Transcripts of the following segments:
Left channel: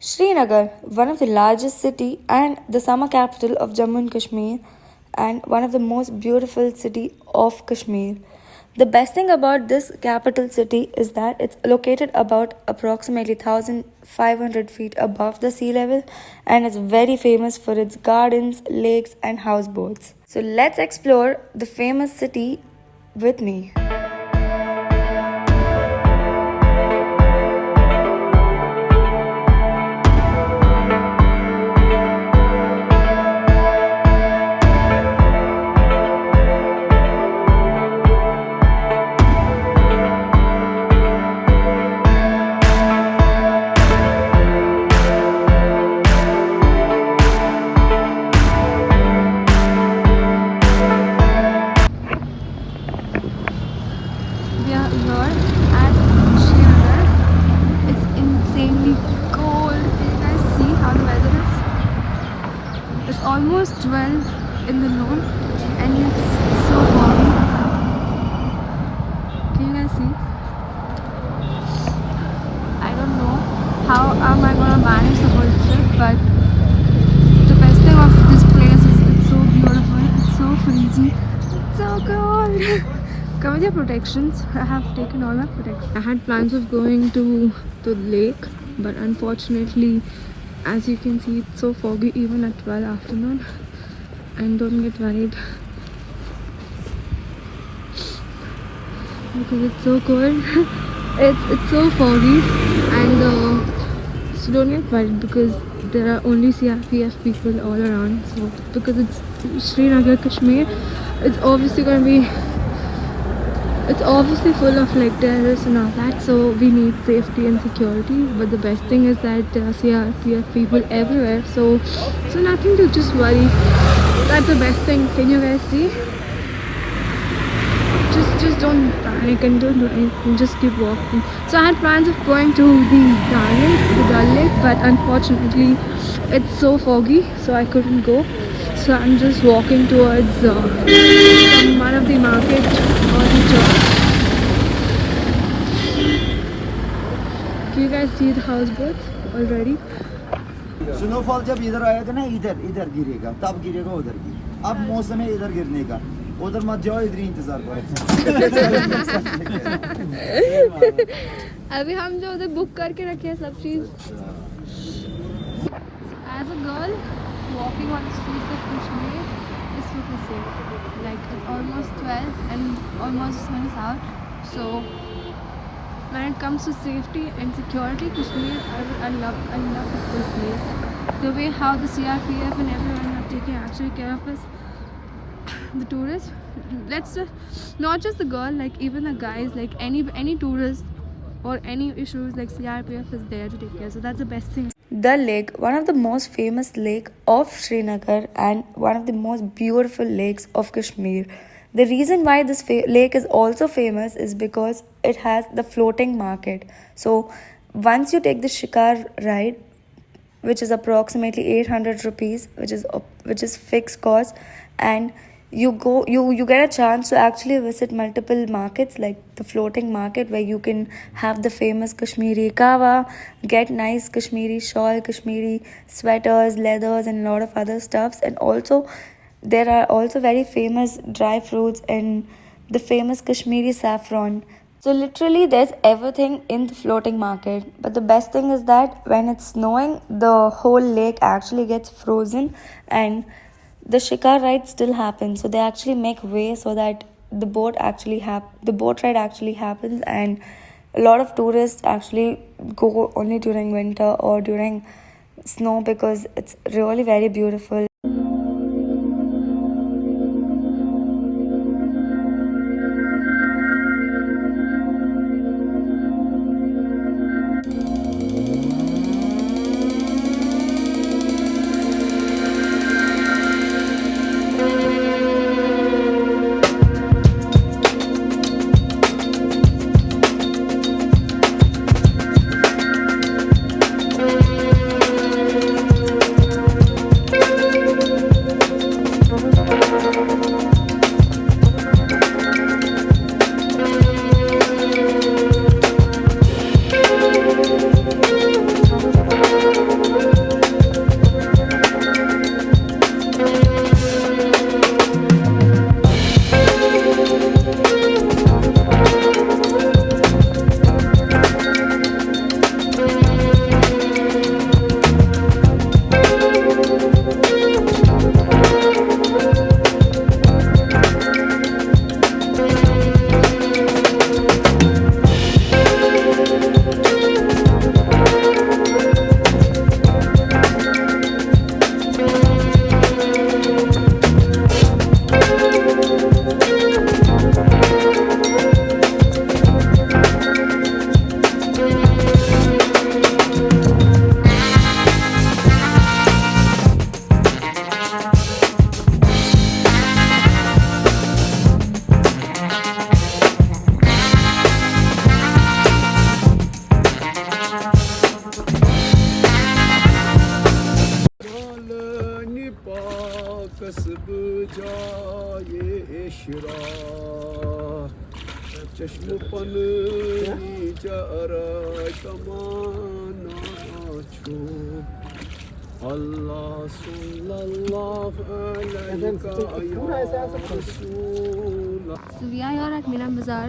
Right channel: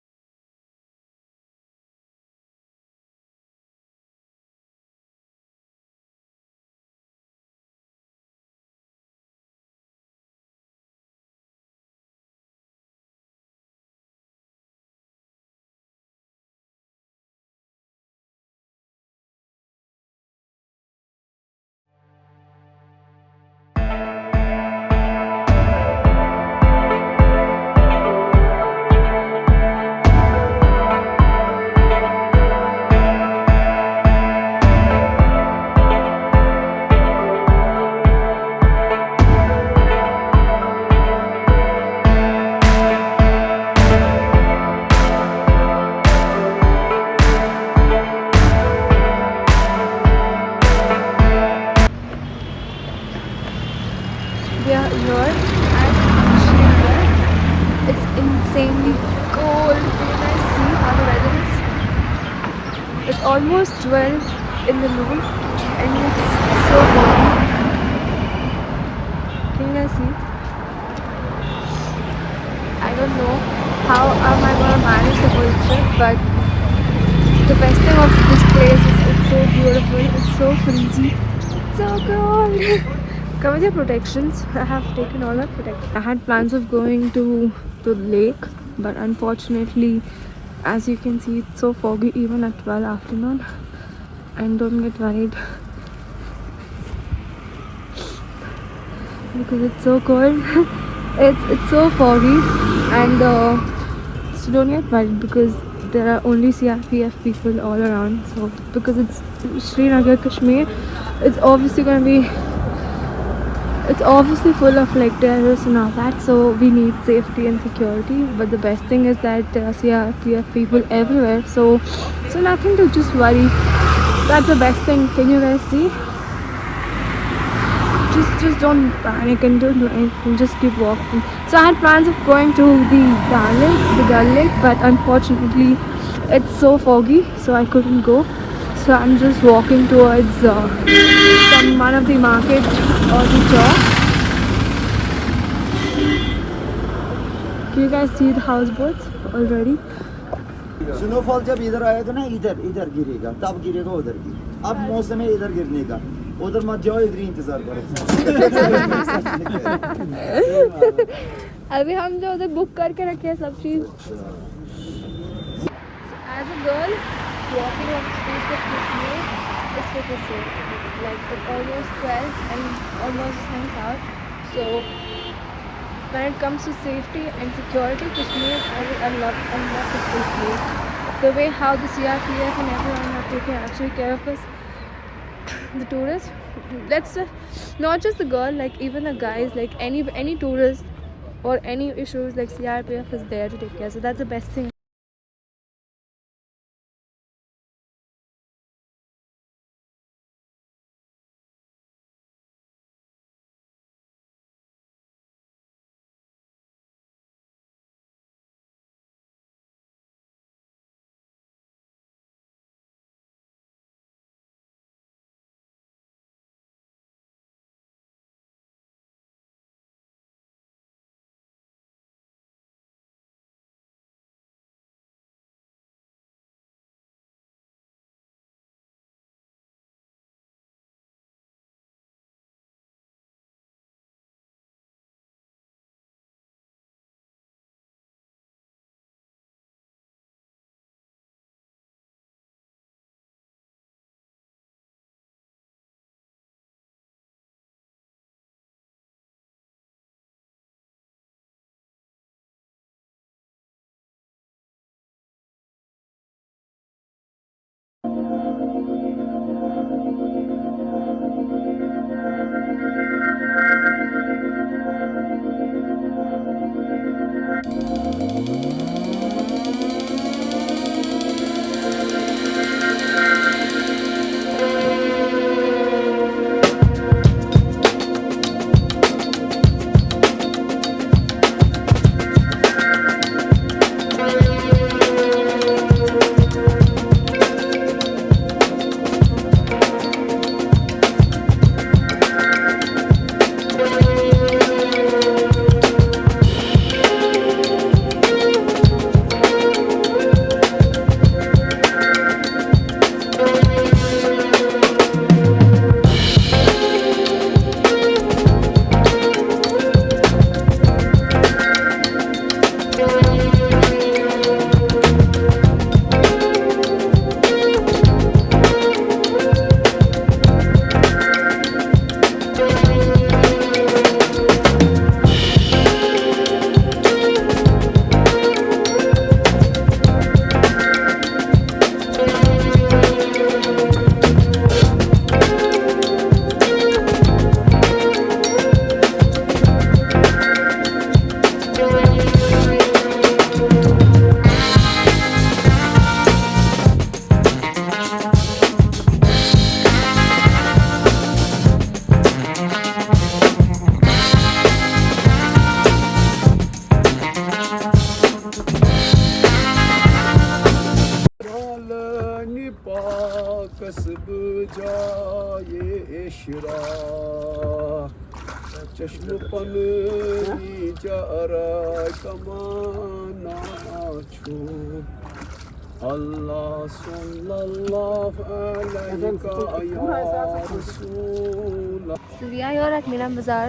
Srinagar, one of the largest city and the summer capital of Jammu and Kashmir, and one of the most beautiful city of Kashmir. The best thing about this capital city is that it's located about approximately 1500 feet above the sea level and is very famous for its gardens, lakes and houseboats. So let's explore the famous city with me. We are here at Srinagar. It's insanely cold. Can you guys see how the weather is? It's almost 12 in the noon and it's so foggy. Can you guys see? I don't know how am I gonna manage the whole trip, but the best thing of this place is it's so beautiful, it's so breezy, it's so cold. Come with your protections. I have taken all my protections. I had plans of going to the lake, but unfortunately, as you can see, it's so foggy even at 12 afternoon. And don't get worried because it's so cold. it's so foggy, and so don't get worried because there are only CRPF people all around. So because it's Srinagar, Kashmir, it's obviously gonna be. It's obviously full of like terrorists and all that, so we need safety and security. But the best thing is that there are CRPF people everywhere, so nothing to just worry. That's the best thing. Can you guys see? Just don't panic and don't do anything. Just keep walking. So I had plans of going to the Dal Lake, but unfortunately, it's so foggy, so I couldn't go. So I'm just walking towards one of the market or the shop. Can you guys see the houseboats already? Snowfall जब इधर आएगा ना इधर इधर गिरेगा तब गिरेगा उधर की अब मौसम है इधर गिरने का उधर मत जाओ इधर ही इंतजार करो अभी हम जो उधर बुक करके रखे हैं सब चीज. As a girl walking on the streets of Kashmir is super safe. Like it's almost 12 and almost sun's out. So when it comes to safety and security, Kashmir, I love the whole place. The way how the CRPF and everyone are taking actually care of us, the tourists. Let's not just the girl, like even the guys, like any tourist or any issues, like CRPF is there to take care. So that's the best thing. Dal Lake, one of the most famous lake of Srinagar and one of the most beautiful lakes of Kashmir. The reason why this lake is also famous is because it has the floating market. So once you take the Shikara ride, which is approximately 800 rupees, which is fixed cost, and you get a chance to actually visit multiple markets like the floating market where you can have the famous Kashmiri kawa, get nice Kashmiri shawl, Kashmiri sweaters, leathers and a lot of other stuffs. And also there are also very famous dry fruits and the famous Kashmiri saffron. So literally there's everything in the floating market. But the best thing is that when it's snowing, the whole lake actually gets frozen and the Shikara ride still happens. So they actually make way so that the boat ride actually happens, and a lot of tourists actually go only during winter or during snow because it's really very beautiful. कसब जाए इशरा चश्म पनी जरा तमाना छो अल्लाह सल्लल्लाहु अलैहि या रसूल. So we are here at Mina Bazaar.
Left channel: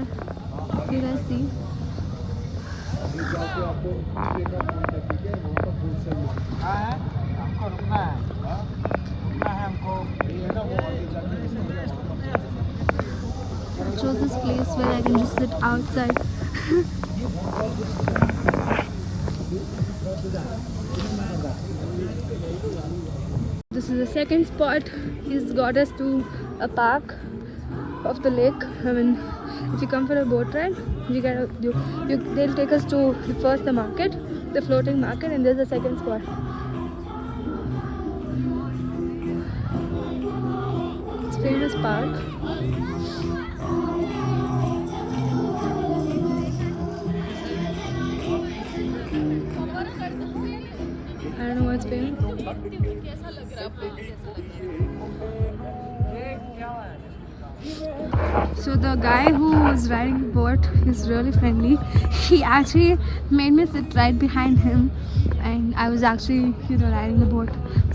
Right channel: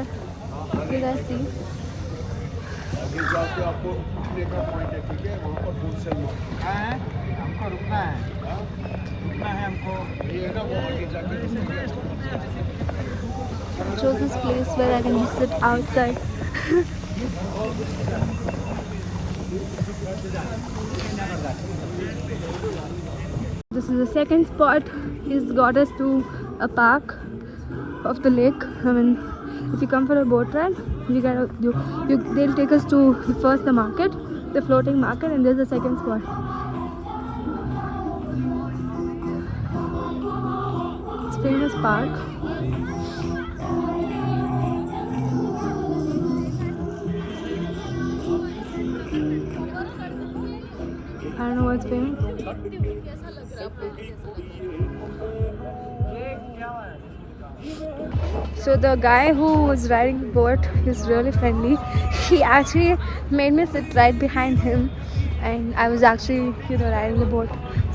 You guys see. अभी जाके आपको एक पॉइंट है, ठीक है, वहाँ पर होलसेल मार्केट है हमको ये ना वो आगे जाके इसके लिए I chose this place where I can just sit outside. This is the second spot. He's got us to a park of the lake. I mean, if you come for a boat ride, they'll take us to first the market, the floating market, and there's the second spot. It's a famous park. I don't know what's famous. So the guy who was riding the boat, he's really friendly. He actually made me sit right behind him, and I was actually, riding the boat.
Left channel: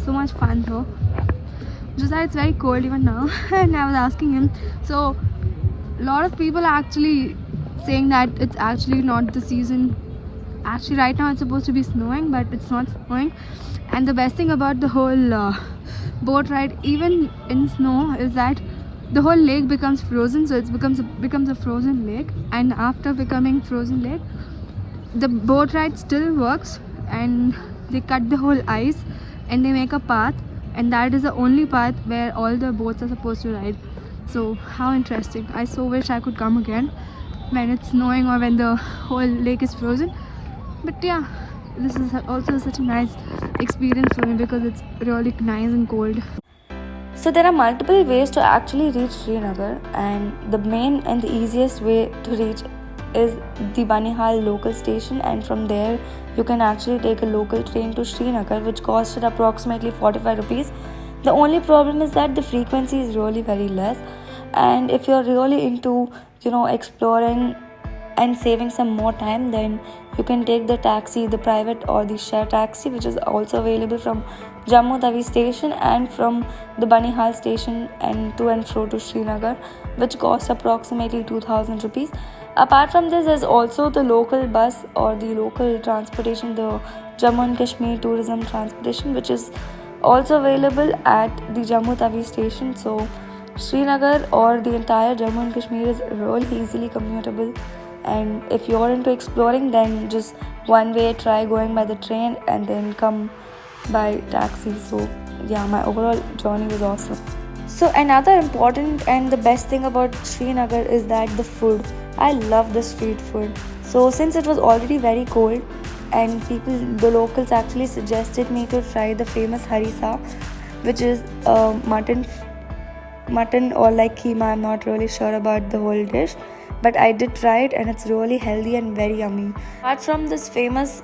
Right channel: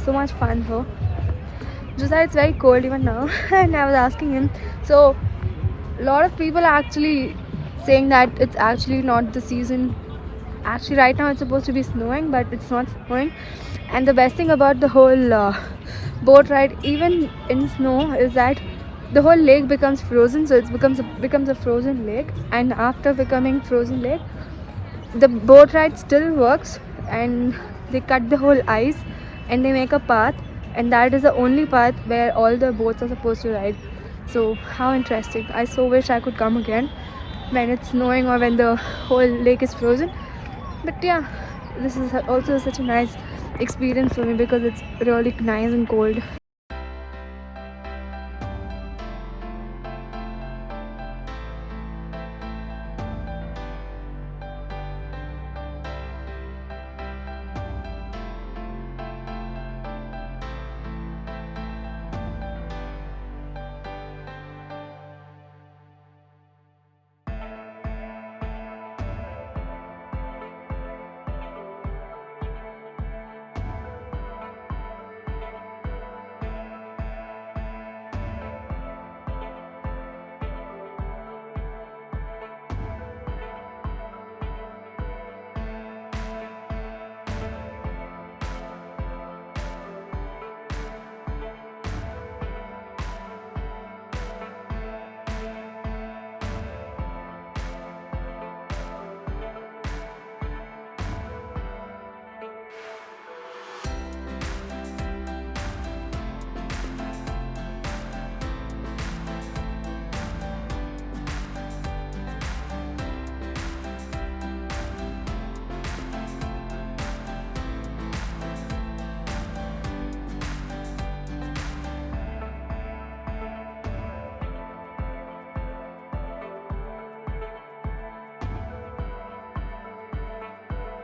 So much fun though. Just that it's very cold even now, and I was asking him. So a lot of people are actually saying that it's actually not the season. Actually, right now it's supposed to be snowing, but it's not snowing. And the best thing about the whole boat ride, even in snow, is that the whole lake becomes frozen. So it becomes a frozen lake. And after becoming frozen lake, the boat ride still works, and they cut the whole ice and they make a path, and that is the only path where all the boats are supposed to ride. So how interesting. I so wish I could come again when it's snowing or when the whole lake is frozen. But yeah, this is also such a nice experience for me because it's really nice and cold. So there are multiple ways to actually reach Srinagar, and the main and the easiest way to reach is the Banihal local station, and from there you can actually take a local train to Srinagar, which costs approximately 45 rupees. The only problem is that the frequency is really very less, and if you're really into exploring and saving some more time, then you can take the taxi, the private or the share taxi, which is also available from Jammu Tawi station and from the Banihal station and to and fro to Srinagar, which costs approximately 2000 rupees. Apart from this, there's also the local bus or the local transportation, the Jammu and Kashmir tourism transportation, which is also available at the Jammu Tawi station. So Srinagar or the entire Jammu and Kashmir is really easily commutable, and if you're into exploring, then just one way try going by the train and then come by taxi. So yeah, my overall journey was awesome. So another important and the best thing about Srinagar is that the food. I love the street food. So since it was already very cold, and the locals actually suggested me to try the famous harissa, which is mutton or like keema. I'm not really sure about the whole dish, but I did try it, and it's really healthy and very yummy. Apart from this famous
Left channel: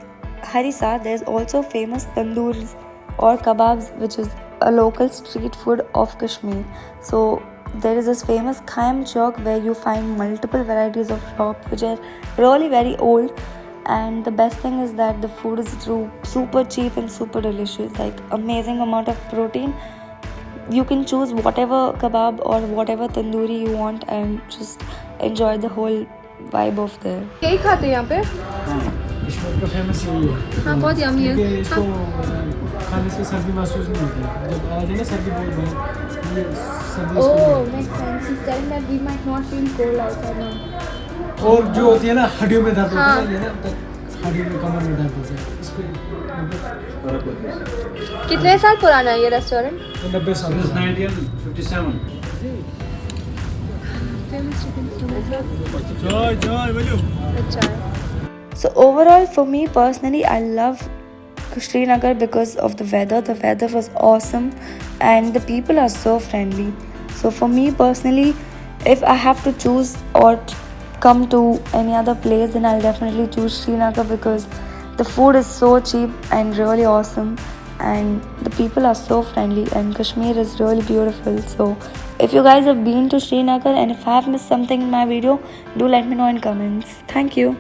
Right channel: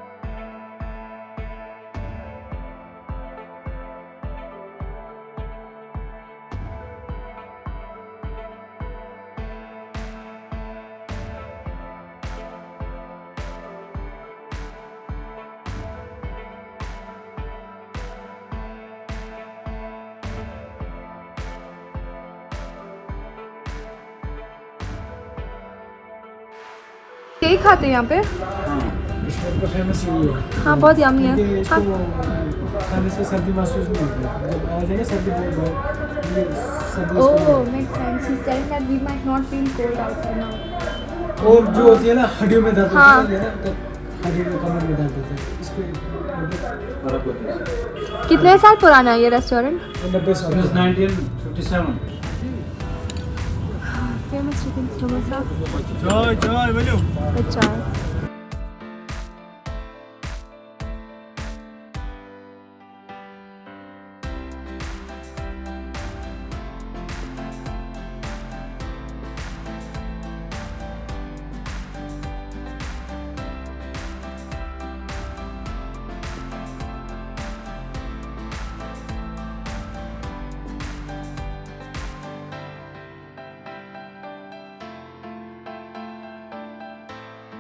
harissa, there's also famous tandoors or kebabs, which is a local street food of Kashmir. So there is this famous Khaim Chowk where you find multiple varieties of shops which are really very old, and the best thing is that the food is super cheap and super delicious, like amazing amount of protein. You can choose whatever kebab or whatever tandoori you want and just enjoy the whole vibe of there. यही खाते हैं यहाँ पे? कश्मीर का famous यही है। हाँ, बहुत यम्मी है। क्योंकि इसको खाने से सर्दी महसूस नहीं होती है। जब आ जाए ना सर्दी बहुत ये सर्दी इसको नहीं होती। और जो होती है ना हड्डियों में दर्द होता है ना, हड्डियों में कमर में दर्द होता है, इसको कितने साल पुराना है ये रेस्टोरेंट? 90 साल। 1957. So overall, for me personally, I love Srinagar because of the weather. The weather was awesome and the people are so friendly. So for me personally, if I have to choose or come to any other place, then I'll definitely choose Srinagar because the food is so cheap and really awesome. and the people are so friendly, and Kashmir is really beautiful. So if you guys have been to Srinagar and if I have missed something in my video, do let me know in comments. Thank you.